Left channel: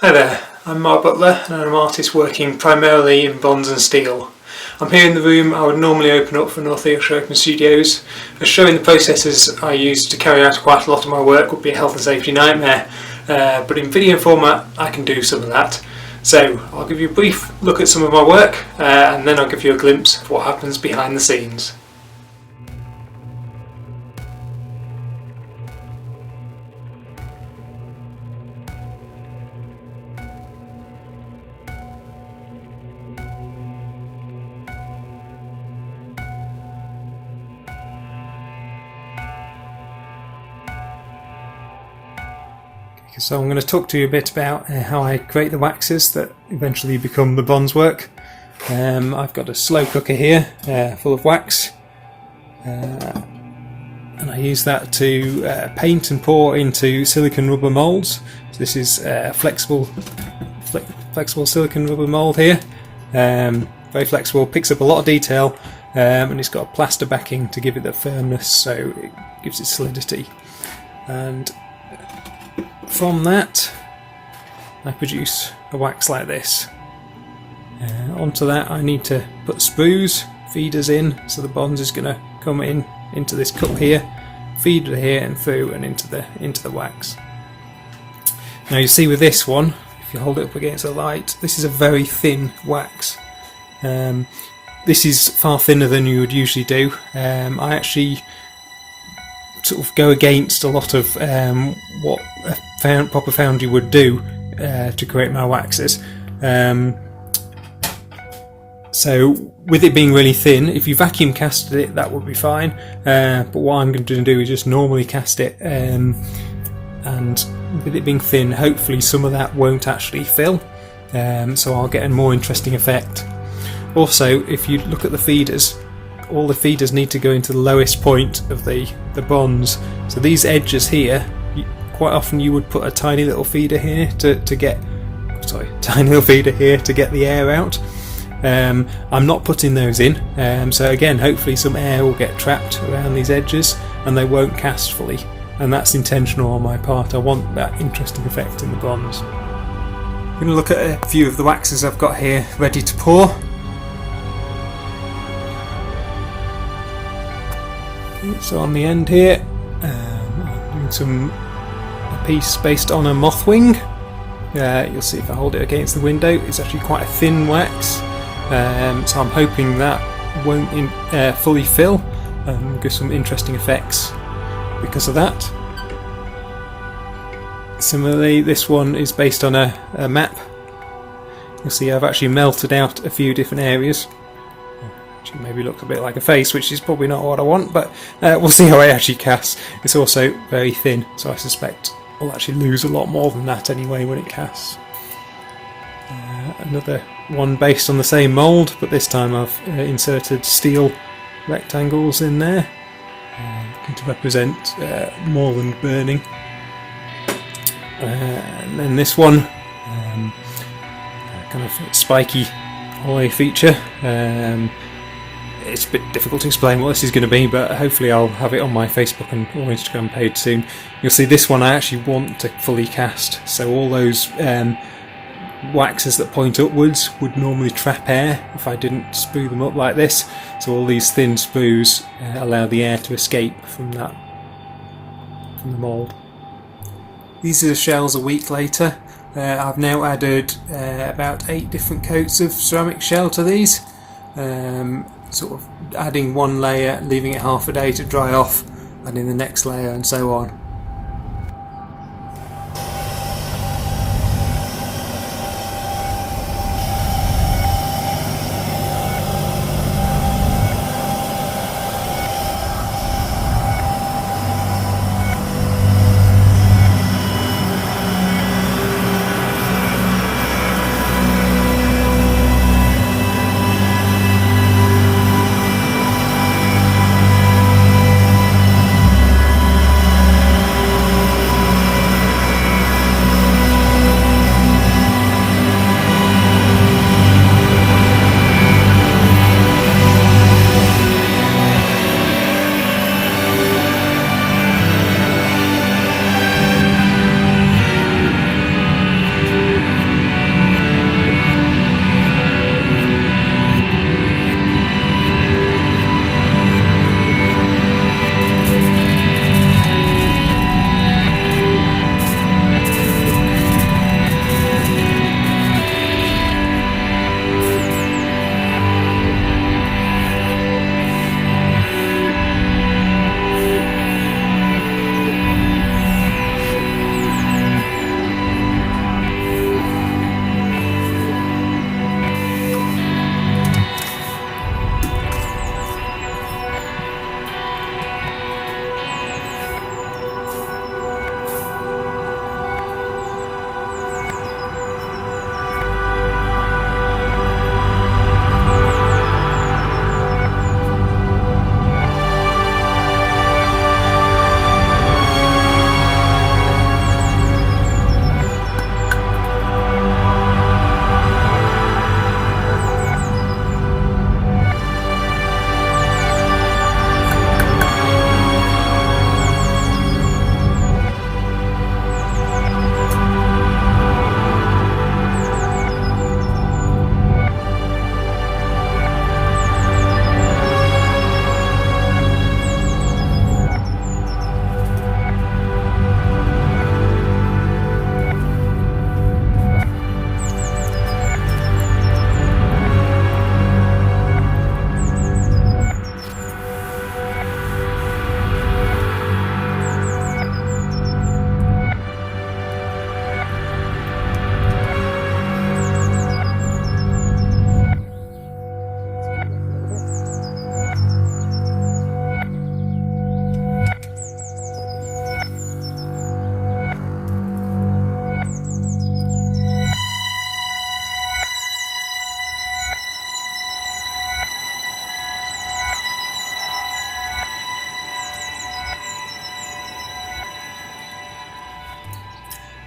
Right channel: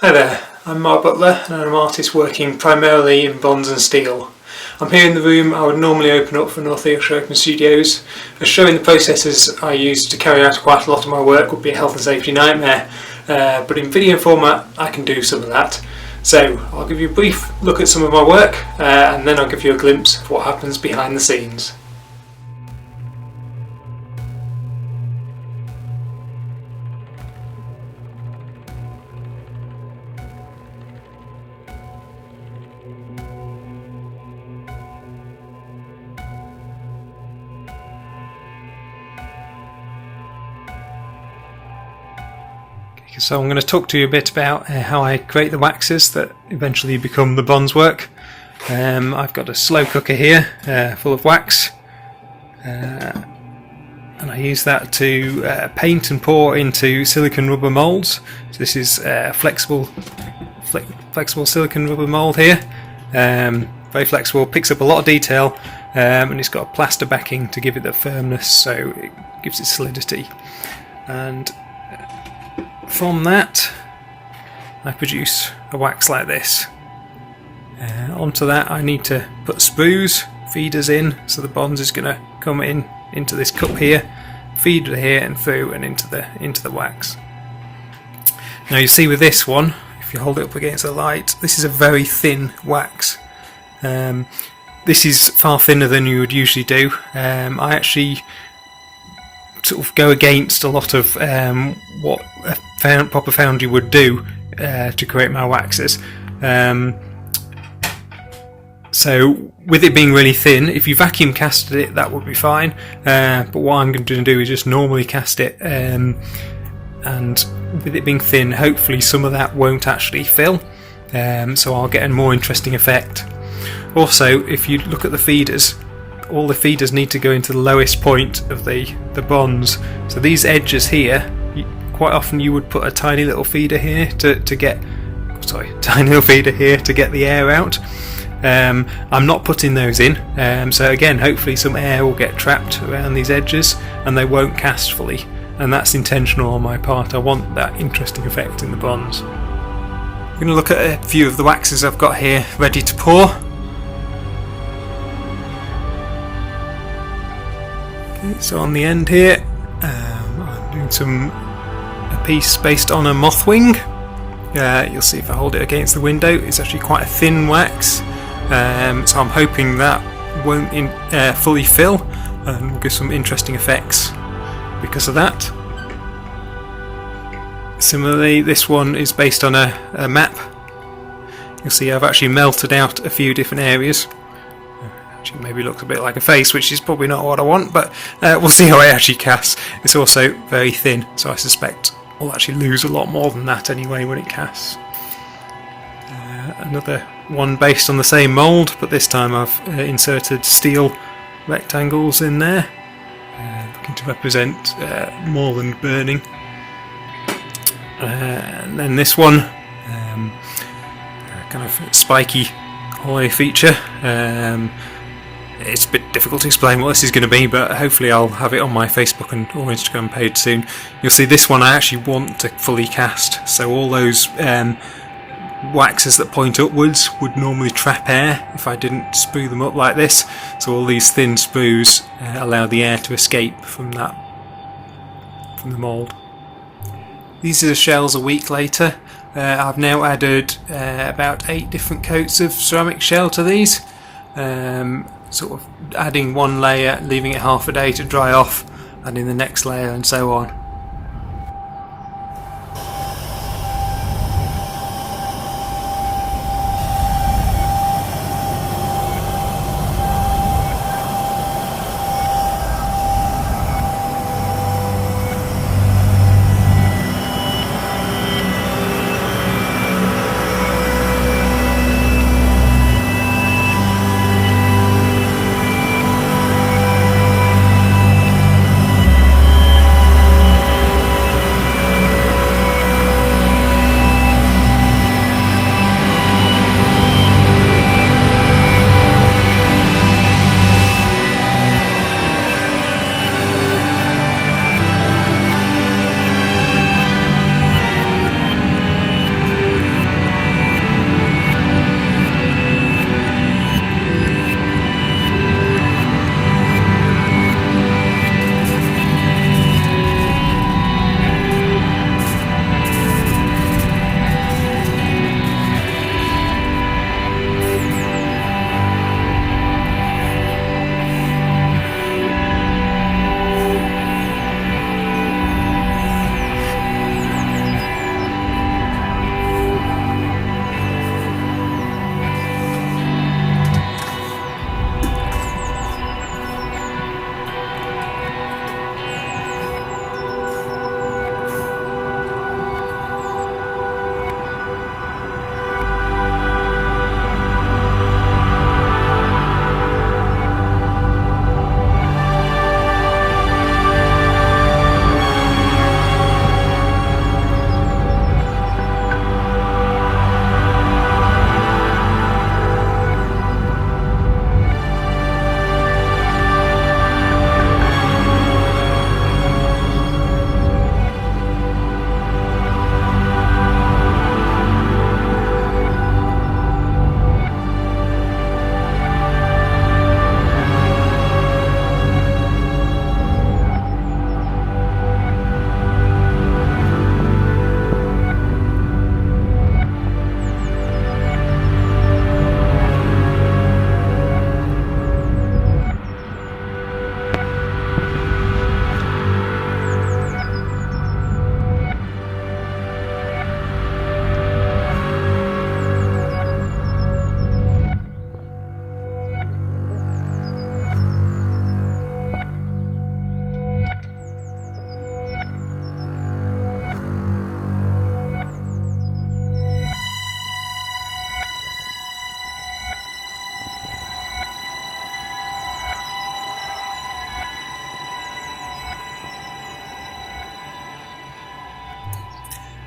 Hi there, I'm Mark Butler and I'm an artist working primarily in bronze and steel. I'm here in the room I would normally open up for North Yorkshire Open Studios, as showing the processes I use to carry out quite a lot of my work would be a health and safety nightmare, but in video format I can do some of that. So I'll give you a brief look at some of my work and then I'll give you a glimpse of what happens behind the scenes. So I'm going to talk to you a bit about how I create the waxes that eventually become the bronze work. I've got a slow cooker here full of wax, and I use that to paint and pour into silicone rubber moulds. So this is flexible silicone rubber mould here, very flexible, picks up a lot of detail, and it's got a plaster backing to give it the firmness, so it gives it solidity. And from that I produce a wax like this. Onto that I need to put sprues, feeders in, so the bronze is going to come into this cup here, feeder here and through and into the wax. Now you see with this one, if you hold it up against the light, this is a very thin wax. This is far thinner than you would usually do. I actually sort of go against a lot of what a proper foundry would do to create my waxes. So with it being really thin, if you vacuum casted it that would be fine, but what I'm going to do is just normally cast it, and with it being thin hopefully some of that won't actually fill, so I'll get a more interesting effect. Also, if you look at the feeders, all the feeders need to go into the lowest point of the bronze. So these edges here, quite often you would put a tiny little feeder here to get the air out. I'm not putting those in, so again hopefully some air will get trapped around these edges and they won't cast fully, and that's intentional on my part. I want that interesting effect in the bronze. I'm going to look at a few of the waxes I've got here ready to pour. So on the end here, I'm doing a piece based on a moth wing. You'll see if I hold it against the window, it's actually quite a thin wax, so I'm hoping that won't fully fill and give some interesting effects because of that. Similarly, this one is based on a map. You'll see I've actually melted out a few different areas. Maybe looks a bit like a face, which is probably not what I want, but we'll see how it actually casts. It's also very thin, so I suspect I'll actually lose a lot more than that anyway when it casts. Another one based on the same mould, but this time I've inserted steel rectangles in there, looking to represent moorland burning. And then this one, kind of spiky hollow feature. It's a bit difficult to explain what this is going to be, but hopefully I'll have it on my Facebook and or Instagram page soon. You'll see this one I actually want to fully cast, so all those waxes that point upwards would normally trap air if I didn't sprue them up like this, so all these thin sprues allow the air to escape from the mould. These are the shells a week later. I've now added about 8 different coats of ceramic shell to these, sort of adding one layer, leaving it half a day to dry off, adding the next layer and so on.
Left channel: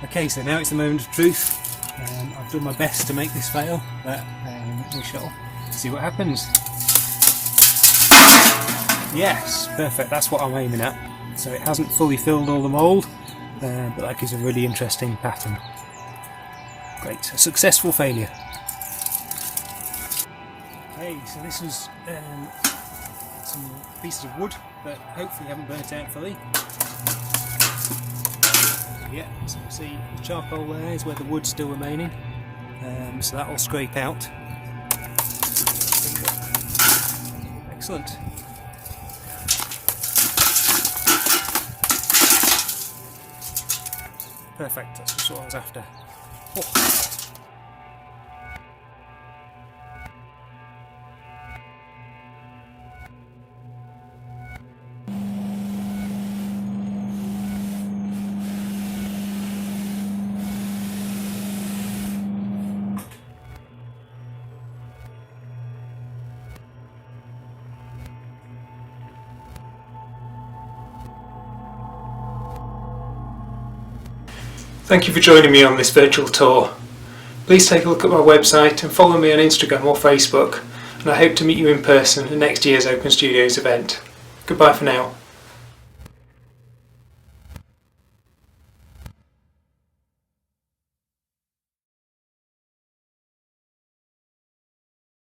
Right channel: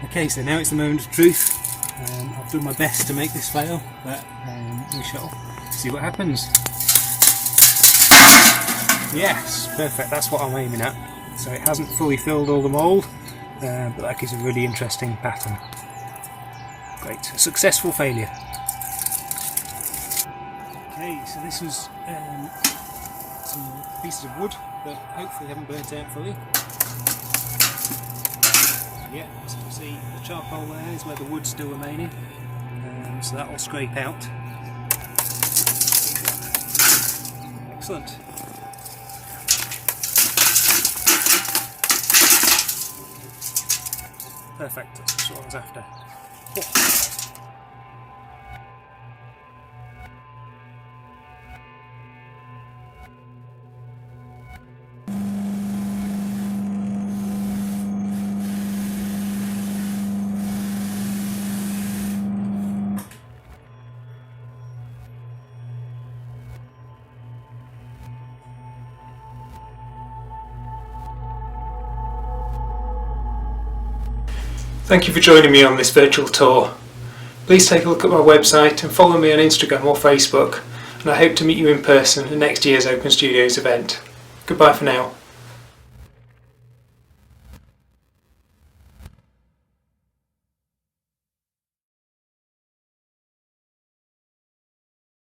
Okay, so now it's the moment of truth. I've done my best to make this fail, but we shall see what happens. Yes, perfect, that's what I'm aiming at. So it hasn't fully filled all the mould, but that gives a really interesting pattern. Great, a successful failure. Okay, so this is some pieces of wood that hopefully haven't burnt out fully. Yeah, so you can see the charcoal there is where the wood's still remaining, so that will scrape out. Excellent. Perfect, that's just what I was after. Oh. Thank you for joining me on this virtual tour. Please take a look at my website and follow me on Instagram or Facebook, and I hope to meet you in person at next year's Open Studios event. Goodbye for now.